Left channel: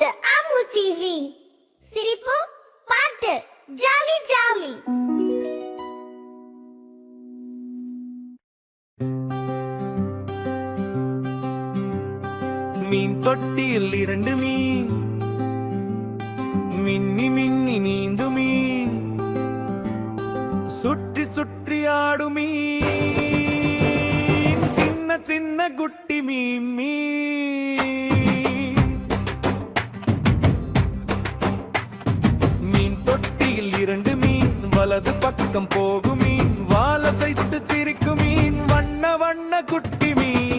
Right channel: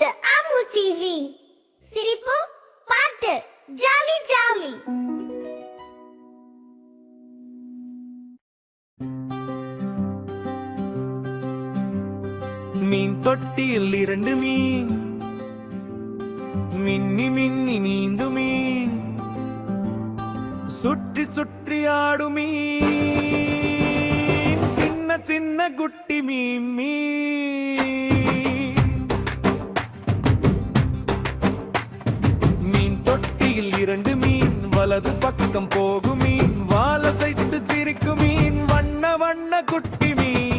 to Amu TV. சிரிப்பு பாட்டு jolly jolly. மீன் தொட்டியில் 2 மீன், மின்னி மின்னி நீந்து மீன், சுற்றி சுற்றி ஆடும் மீன், சின்ன சின்ன குட்டி மீன் மீன் தொட்டியில் 2 மீன், வலது பக்கம் போகும் மீன், வாலசைத்து சிரிக்கும் மீன், வண்ண வண்ண குட்டி மீன்.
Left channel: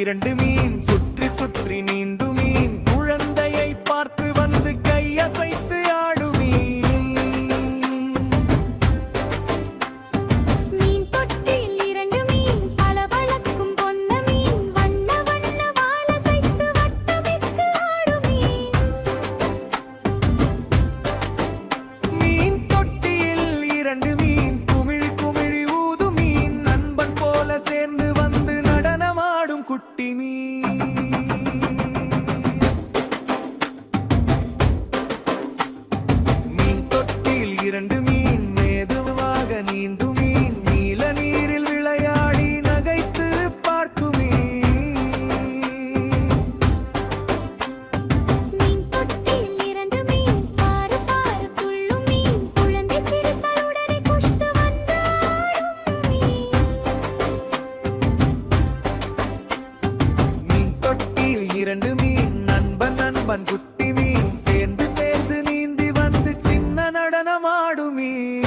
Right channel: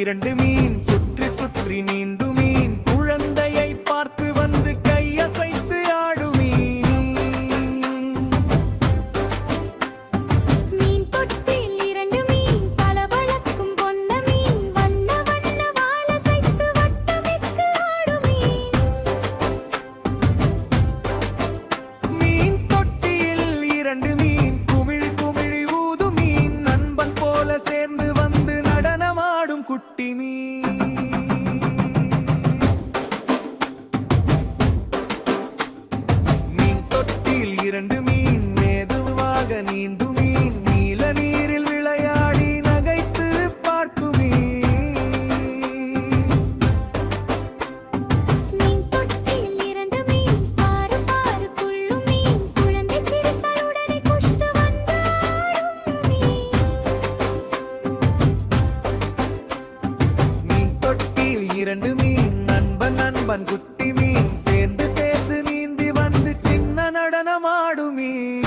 இரண்டு மீன் சுற்றி சுற்றி நீந்து மீன், குழந்தையை பார்த்து வந்து கையசைத்து ஆடு மீன் தொட்டியில் 2 மீன், பளபளக்கும் பொன்ன மீன், வண்ண வண்ண வாலசைத்து வட்டமிட்டு ஆடு மீன் தொட்டியில் 2 மீன், குமிழி குமிழி ஊது மீன், நண்பன் போல சேர்ந்து வந்து நடனமாடும் குட்டி மீன் தொட்டியில் 2 மீன், மெதுவாக நீந்து மீன், நீல நீரில் விளையாடி நகைத்து பார்க்கும் மீன் தொட்டியில் 2 மீன், பாரு பாரு துள்ளும் மீன், குழந்தை சிரித்தால் உடனே குஷ்டு வந்து ஆடும் மீன் தொட்டியில் 2 மீன், நண்பன் நண்பன் குட்டி மீன், சேர்ந்து சேர்ந்து நீந்தி வந்து சின்ன நடனமாடும் மீன்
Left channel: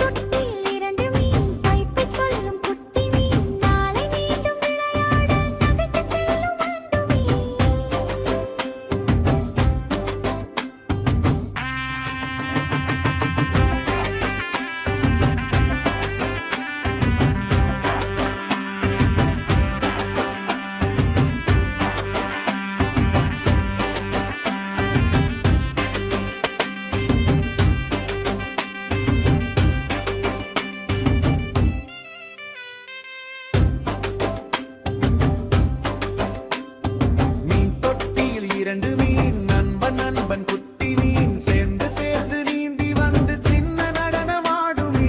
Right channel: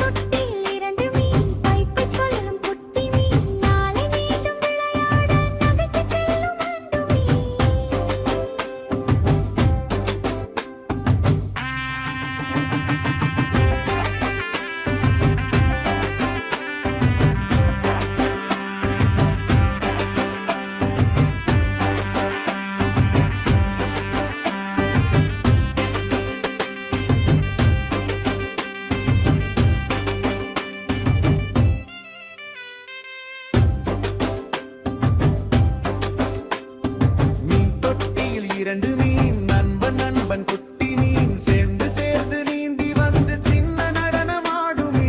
தொட்டியில் 2 மீன், பைப்பை சொல்லும் குட்டி மீன், நாளை மீண்டும் விளையாட நகைத்து செல்லும் ஆண்டு மீன் தொட்டியில் 2 மீன், நண்பன் நண்பன் குட்டி மீன், சேர்ந்து சேர்ந்து நீந்தி வந்து சின்ன நடனமாடும்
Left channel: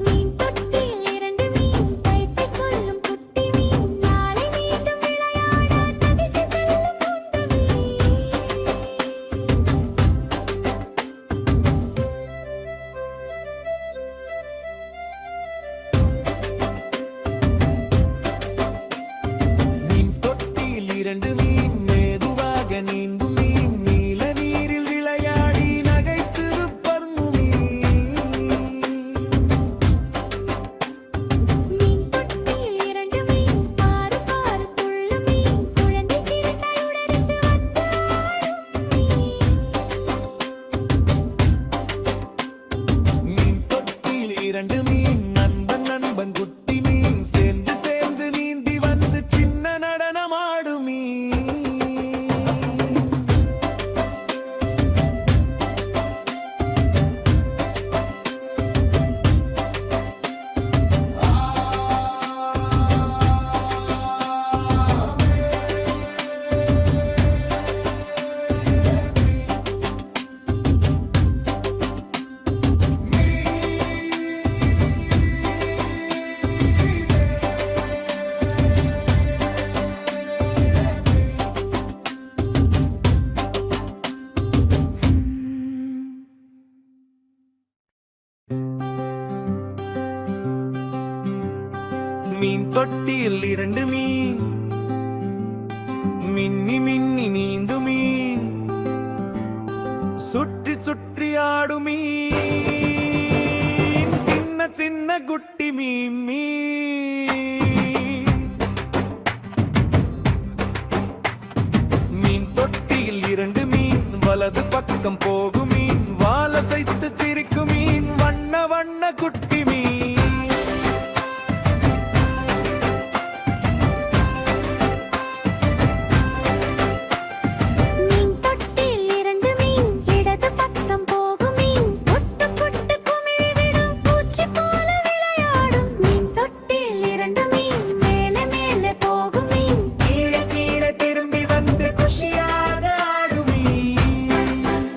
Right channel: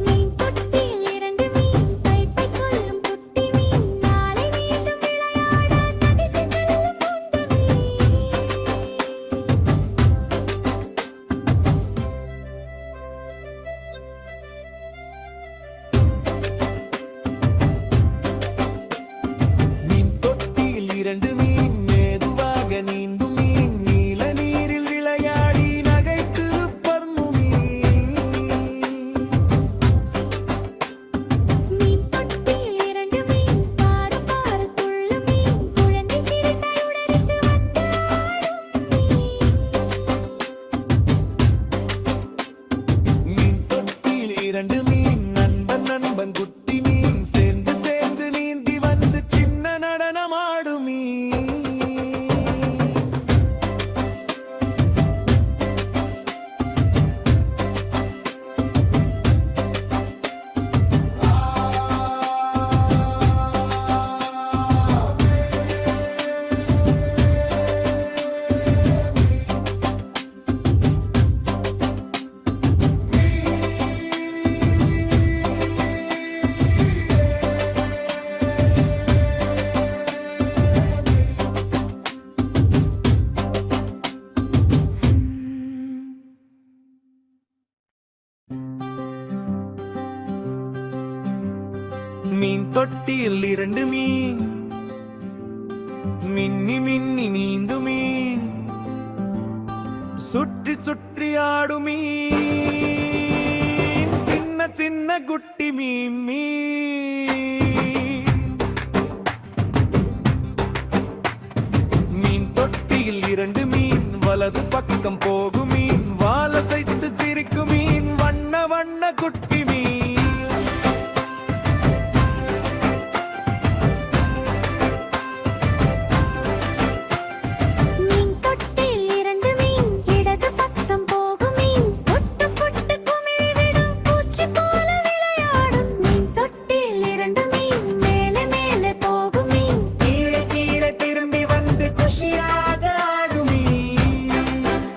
மீன் தொட்டியில் 2 மீன், பைப்பை சொல்லும் குட்டி மீன், நாளை மீண்டும் விளையாட நகைத்து செல்லும் உந்த மீன் தொட்டியில் 2 மீன், மெதுவாக நீந்தும் மீன், நீல நீரில் விளையாடி நகைத்து பறக்கும் மீன் தொட்டியில் 2 மீன், பாரு பாரு துள்ளும் மீன், குழந்தை சிரித்தால் உடனே வந்து ஆடும் மீன் தொட்டியில் 2 மீன், நண்பன் நண்பன் குட்டி மீன், சேர்ந்து சேர்ந்து நீந்தி வந்து சின்ன நடனமாடும் மீன் தொட்டியில் 2 மீன் மின்னி மின்னி நீந்து மீன் சுற்றி சுற்றி ஆடும் மீன் சின்ன சின்ன குட்டி மீன் மீன் தொட்டியில் 2 மீன் வலது பக்கம் போகும் மீன் வாலசைத்து சிரிக்கும் மீன் வண்ண வண்ண குட்டி மீன் மீன் தொட்டில் 2 மீன் இடது பக்கம் போகும் மீன் புட்டு புட்டு குமிழி விடும் பூச்சி போல விளையாடும் மீன் தொட்டில் 2 மீன் மேலே மேலே போகும் மீன் கீழே கீழே திரும்பி வந்து குஷியாக ஆடும் மீன்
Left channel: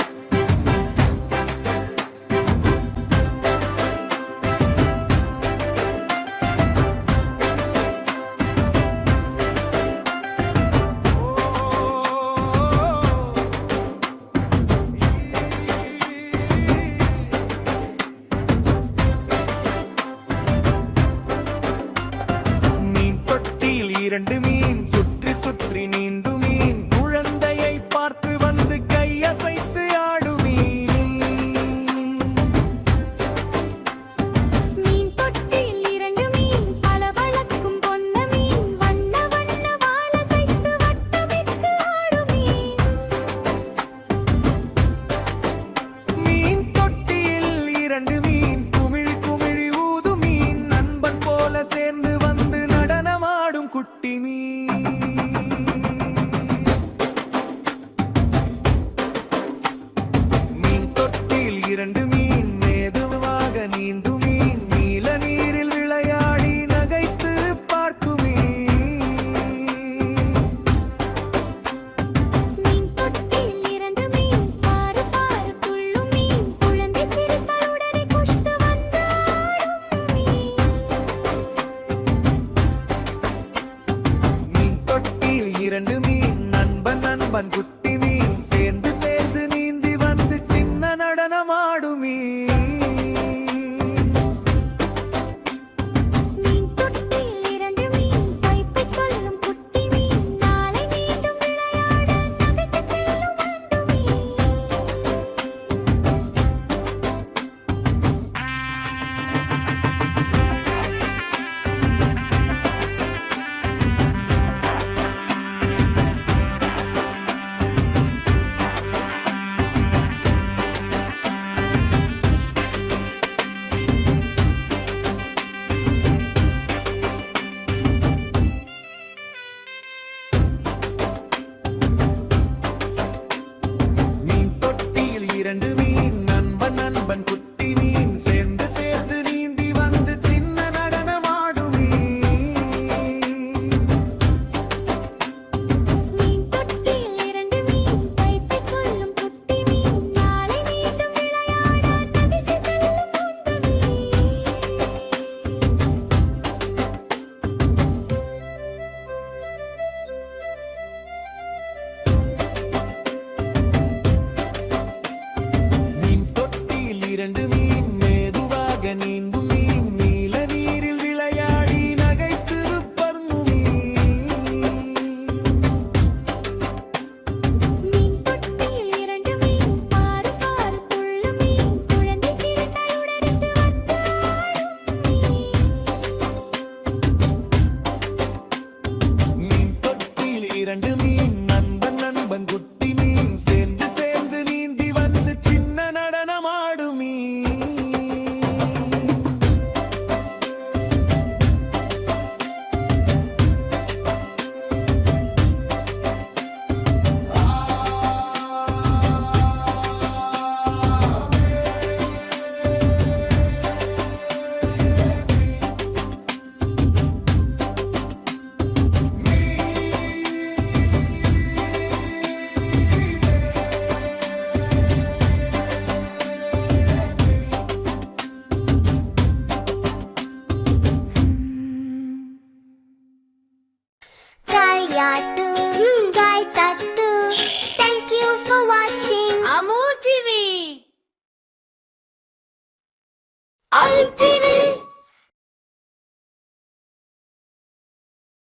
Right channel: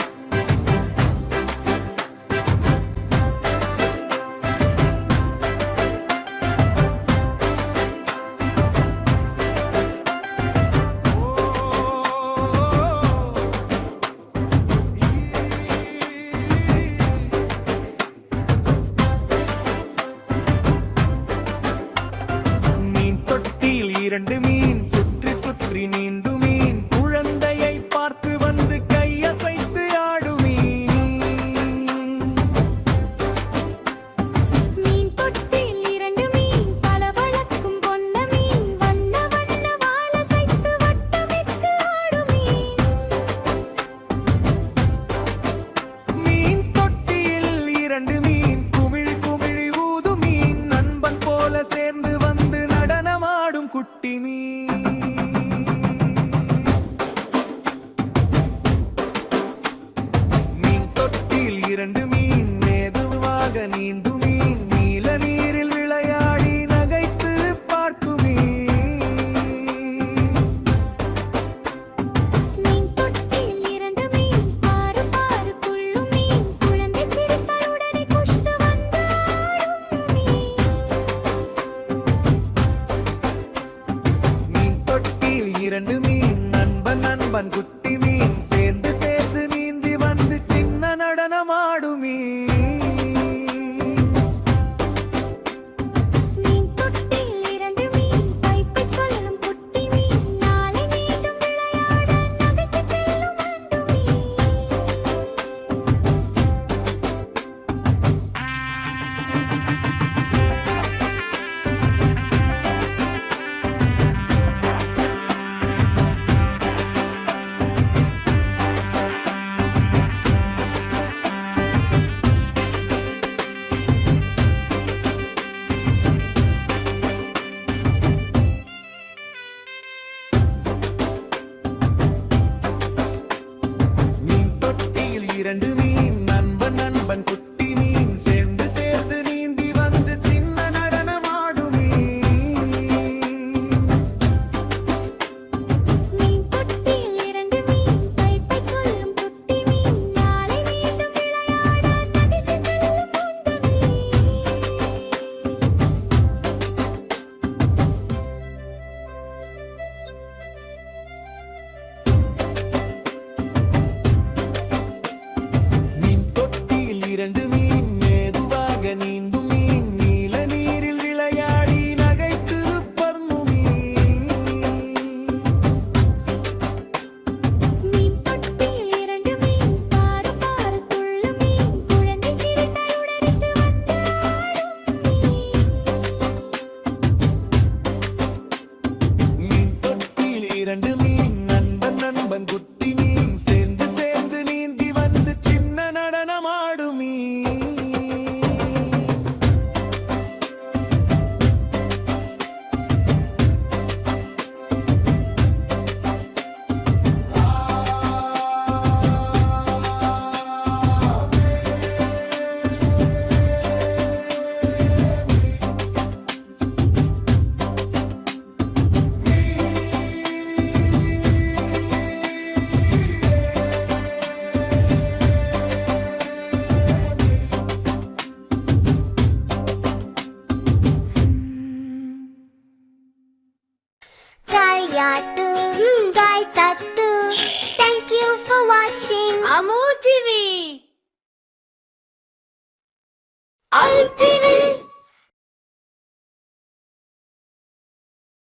மீன் தொட்டியில் 2 மீன் சுற்றி சுற்றி நீந்து மீன் குழந்தையை பார்த்து வந்து கையசைத்து ஆடும் மீன் மீன் தொட்டில் 2 மீன் பளபளக்கும் பொன்ன மீன் வண்ண வண்ண வாலசைத்து வட்டமிட்டு ஆடும் மீன் மீன் தொட்டியில் 2 மீன் குமிழி குமிழி ஊது மீன் நண்பன் போல சேர்ந்து வந்து நடனமாடும் குட்டி மீன் மீன் தொட்டியில் 2 மீன் மெதுவாக நீந்து மீன் நீல நீரில் விளையாடி நகைத்து பார்க்கும் மீன் மீன் தொட்டில் 2 மீன் பாரு பாரு துள்ளும் மீன் குழந்தை சிரித்தால் உடனே குஷ்டு வந்து ஆடும் மீன் மீன் தொட்டியில் 2 மீன் நண்பன் நண்பன் குட்டி மீன் சேர்ந்து சேர்ந்து நீந்தி வந்து சின்ன நடனமாடும் மீன் மீன் தொட்டில் 2 மீன் பைப்பை சொல்லும் குட்டி மீன் நாளை மீண்டும் விளையாட நகைத்து செல்லும் அண்டு மீன் மீன் தொட்டியில் 2 மீன் நண்பன் நண்பன் குட்டி மீன் சேர்ந்து சேர்ந்து நீந்தி வந்து சின்ன நடனமாடும் மீன் மீன் தொட்டில் 2 மீன் பைப்பை சொல்லும் குட்டி மீன் நாளை மீண்டும் விளையாட நகைத்து செல்லும் உந்த மீன் மீன் தொட்டியில் 2 மீன் மெதுவாக நீந்தும் மீன் நீல நீரில் விளையாடி நகைத்து பறக்கும் மீன் தொட்டில் 2 மீன் பாரு பாரு துள்ளும் மீன் குழந்தை சிரித்தால் உடனே வந்து ஆடும் மீன் மீன் தொட்டியில் 2 மீன் நண்பன் நண்பன் குட்டி மீன் சேர்ந்து சேர்ந்து நீந்தி வந்து சின்ன நடனமாடும் மீன் Kayatu, Kaitatu. Thank you for watching Amu TV. ITV.